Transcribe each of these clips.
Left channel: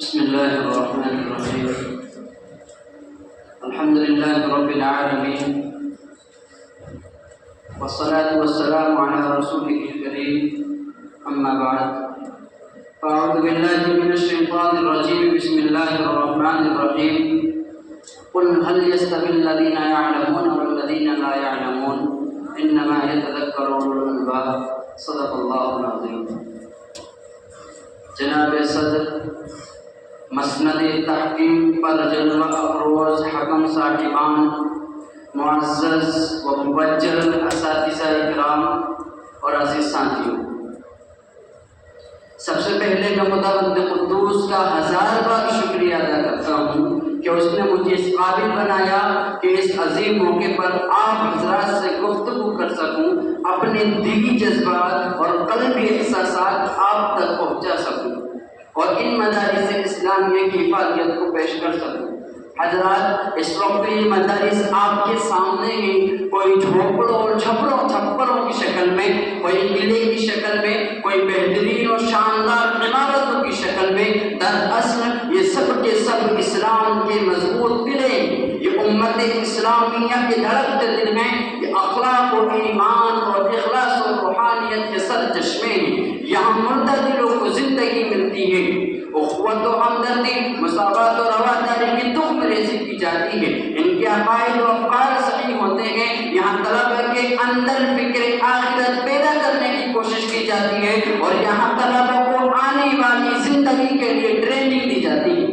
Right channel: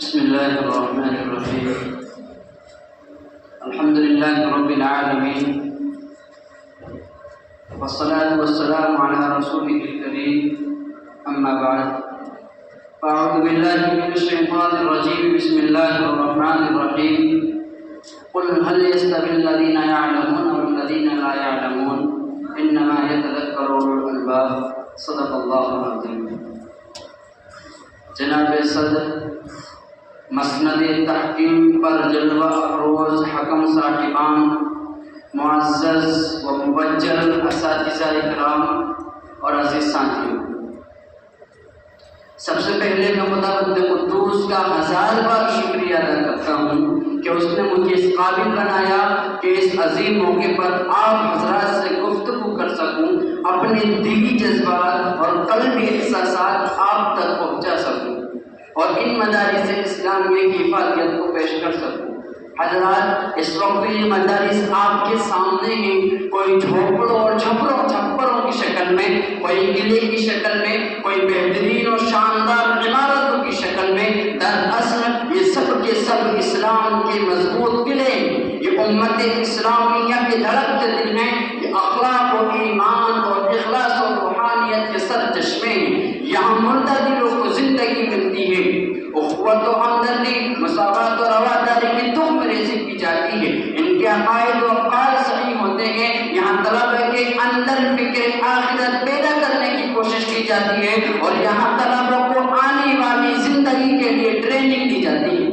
بسم الله الرحمن الرحيم. الحمد لله رب العالمين، والصلاة والسلام على رسوله الكريم، أما بعد، فأعوذ بالله من الشيطان الرجيم. بسم الله الرحمن الرحيم. قل هل يستوي الذين يعلمون والذين لا يعلمون إنما يتذكر أولو الألباب. صدق الله العظيم. جناب صدر مسند تحکیم پر جلوہ افروز حکم صاحبان، معزز و مبجل اساتذہ اکرام اور عزیز ساتھیوں، سب سے پہلے میں خدا خود قدوس کا 1000 بار شکریہ ادا کرتا ہوں کہ اس نے مجھے اس قابل بنایا کہ اس عظیم موقع پر آپ حضرات سے گفتگو کر سکوں، اپنے دلی جذبات اور قلبی احساسات آپ تک پہنچا سکوں اور ان مدارس اسلامیہ کی افادیت کو پیش کر سکوں۔ حضرات، اس وقت یہ مدارس آپ کے سامنے ہیں، کوئی جھوپڑوں اور چھپروں کی شکل میں، کوئی قلعے کی شکل میں، کوئی بہترین اور شاندار عمارتوں کی شکل میں، دراصل یہ سب کے سب اسلام کے مضبوط قلعے، یہ امت اسلامیہ کے دھڑکتے دل میں، یہ اخلاق و ایمان اور اخلاص و روحانیت کے سرچشمے ہیں۔ یہاں مردہ دلوں کو زندگی ملتی ہے، اخوت و ہمدردی، مساوات و رواداری کی تخم ریزی کی جاتی ہے، ان کے عقائد و افعال صحیح ہوتے ہیں۔ یہاں طلبہ کے اندر فکر آخرت پیدا کرنے کی کوشش کی جاتی ہے اور یہاں طلبہ کو آنے والی زندگی کے لیے ٹریننگ دی جاتی ہے۔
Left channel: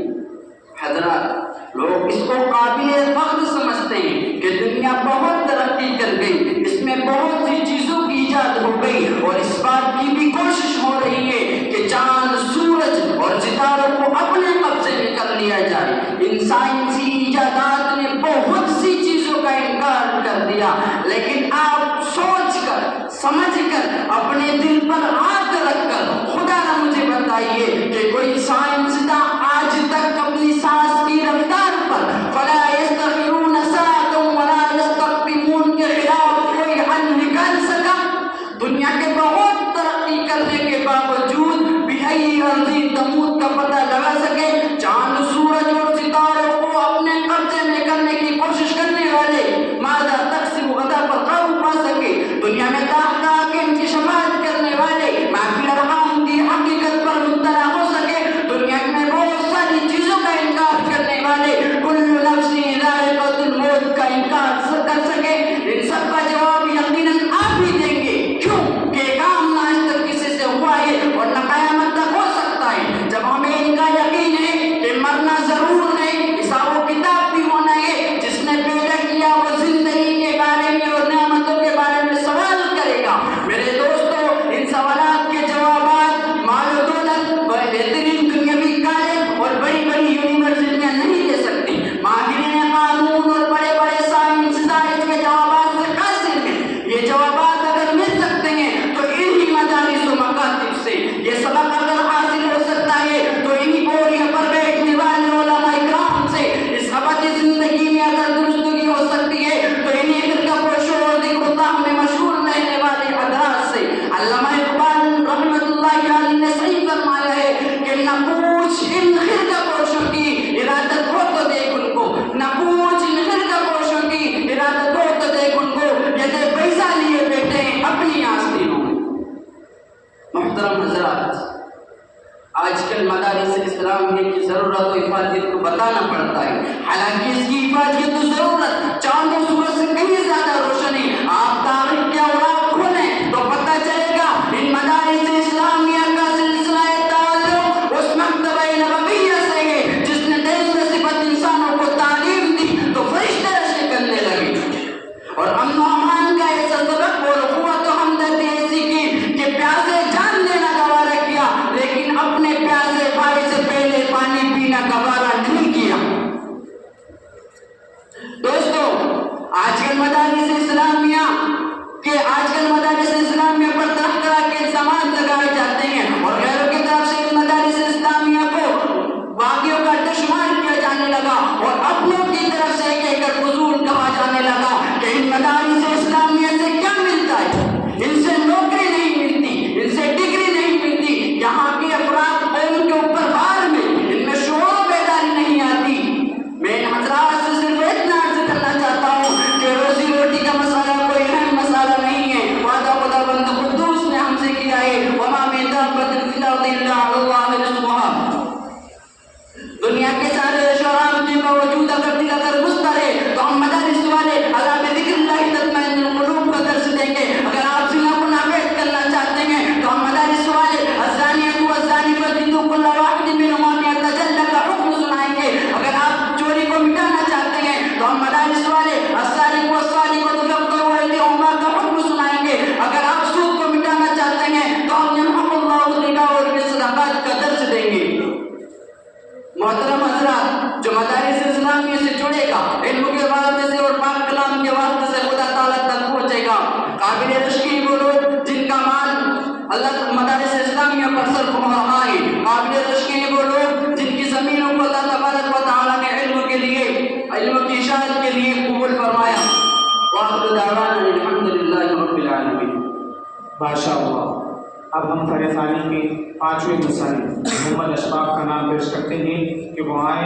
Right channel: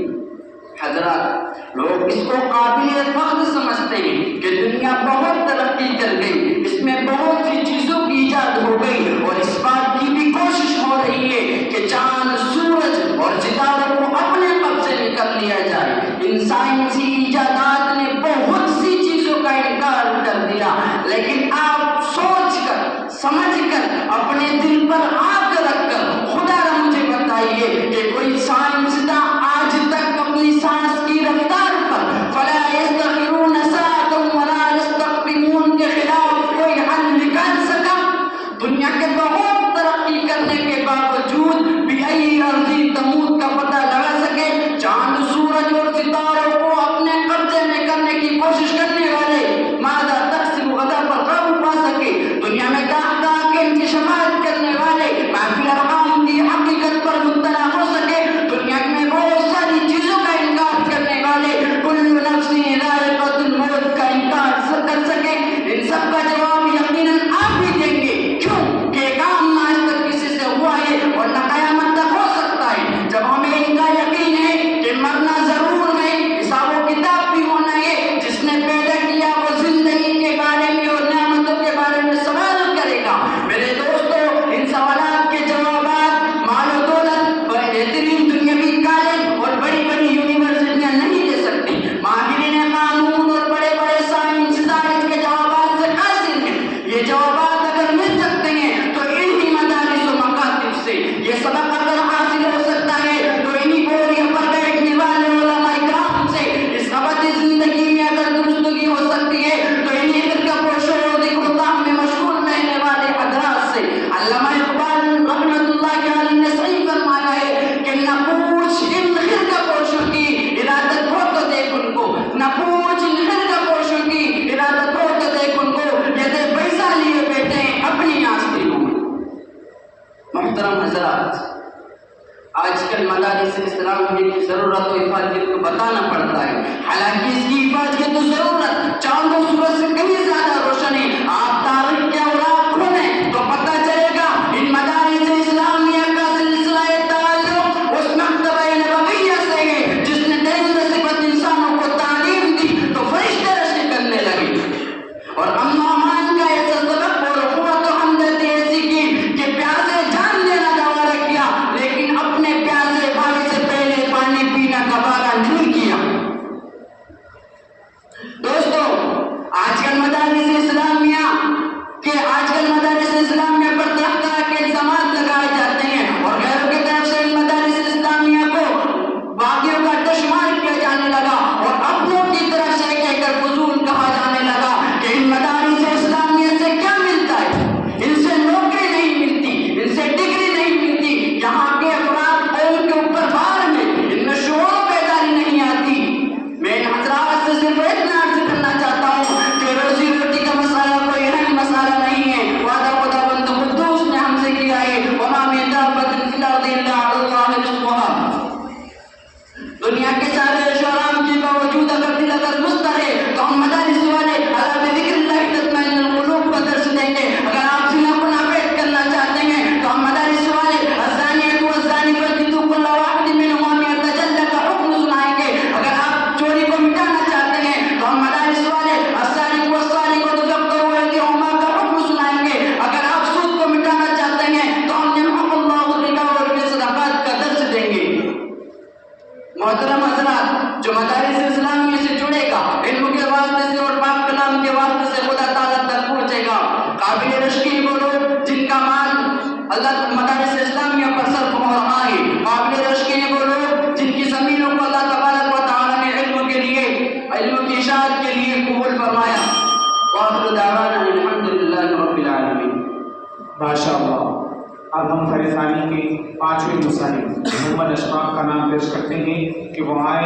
حضرات، لوگ اس کو قابل فخر سمجھتے ہیں کہ دنیا بہت ترقی کر گئی، اس میں بہت سی چیزوں کی ایجاد ہو گئی اور اس بات کی بھی کوشش ہو رہی ہے کہ چاند، سورج اور ستاروں کو اپنے قبضے میں کر لیا جائے۔ ان سائنسی ایجادات نے بہت سی چیزوں کا انکار کر دیا، لیکن آپ سوچ کر، سمجھ کر، اپنے دل پر ہاتھ رکھ کر خدا را مجھے بتائیے کہ کوئی سائنسداں آج تک اپنی سانس کی رفتار پر فلا یستغفرون ساعۃ ولا یستقدمون کے خلاف کوئی حل نکال سکا؟ دنیا کے بہت ترقی کرنے کے باوجود بھی ای ارضی تموت کا پتہ لگا سکے؟ چاند، سورج اور ستاروں کو اپنے قبضے میں کرنے کی کوشش کرنے والے ماذا تقسیم غدا پر قابو پا سکے؟ دنیا میں طرح کے انکشافات کرنے والے محفل ارحام کی حقیقت پر مطلع ہو سکے؟ دنیا میں بہت ساری چیزوں کا انکار کرنے والے کل نفس ذائقۃ الموت کا انکار کر سکے؟ ان سب کا جواب یقیناً آپ بھی دیں گے۔ کیوں کہ کام آج تک کسی سے ہوا ہے اور نہ قیامت تک ہو سکتا ہے۔ جب ہمیں ان کا یقین ہے کہ مرنا ضرور ہے، حساب و کتاب بھی ہونا ہے، جس نے پیدا کیا وہ زندگی کے بارے میں اور نعمتوں کے بارے میں سوال کرے گا۔ میرے دوستو، ان سوالات کے جوابات مال و دولت، بہترین دنیاوی کالج اور بڑی بڑی یونیورسٹیاں نہیں دے سکتی۔ ماہرین قانون اور بڑے بڑے سائنسداں اس کے جوابات سے قاصر ہیں۔ یہ جوابات اگر مل سکتے ہیں تو انہی مدارس و مکاتب سے، یہ سبق اگر حاصل ہو سکتا ہے تو انہی بوریوں پر بیٹھنے والے علماء اکرام سے، اس ابدی زندگی میں اگر درستگی ہو سکتی ہے تو انہی فرقہ پوشوں اور ذکر اللہ میں مشغول رہنے والے حضرات سے۔ علامہ اقبال رحمۃ اللہ علیہ نے صحیح فرمایا ہے کہ نہ پوچھ ان فرقہ پوشوں کی ارادت ہو تو دیکھ ان کو، نہ پوچھ ان فرقہ پوشوں کی ارادت ہو تو دیکھ ان کو، یہ پیسہ لیے بیٹھے ہیں اپنی آستینوں میں۔ محترم حضرات، آج کل مدارس اسلامیہ کی ضرورت و افادیت کو بتانا پڑتا ہے، حالانکہ اس کی افادیت و ضرورت چاند و سورج سے کہیں زیادہ روشن ہے۔ آپ تاریخ کے اوراق کھولیں تو پتہ چلے گا ان مدارس اسلامیہ کا سلسلہ تعلق اس مکتبہ نبویہ سے ہے جس نے 13 صفت انسانوں کو تعلیم دی تو فرشتے رشک کرنے لگے اور امن و امان کا ایسا سبق اور قوت و ہمدردی ایسی کی کہ پیاسے جان دینا گوارا کیا، لیکن اپنے پیاسے بھائی سے پہلے پانی پینا گوارا نہیں کیا۔ دوستو، ماشاء اللہ۔ اب ہم فرح ثانی کے 5ویں مصنف محمد اشفاق کا نام پیش کرتے ہیں کہ وہ آئے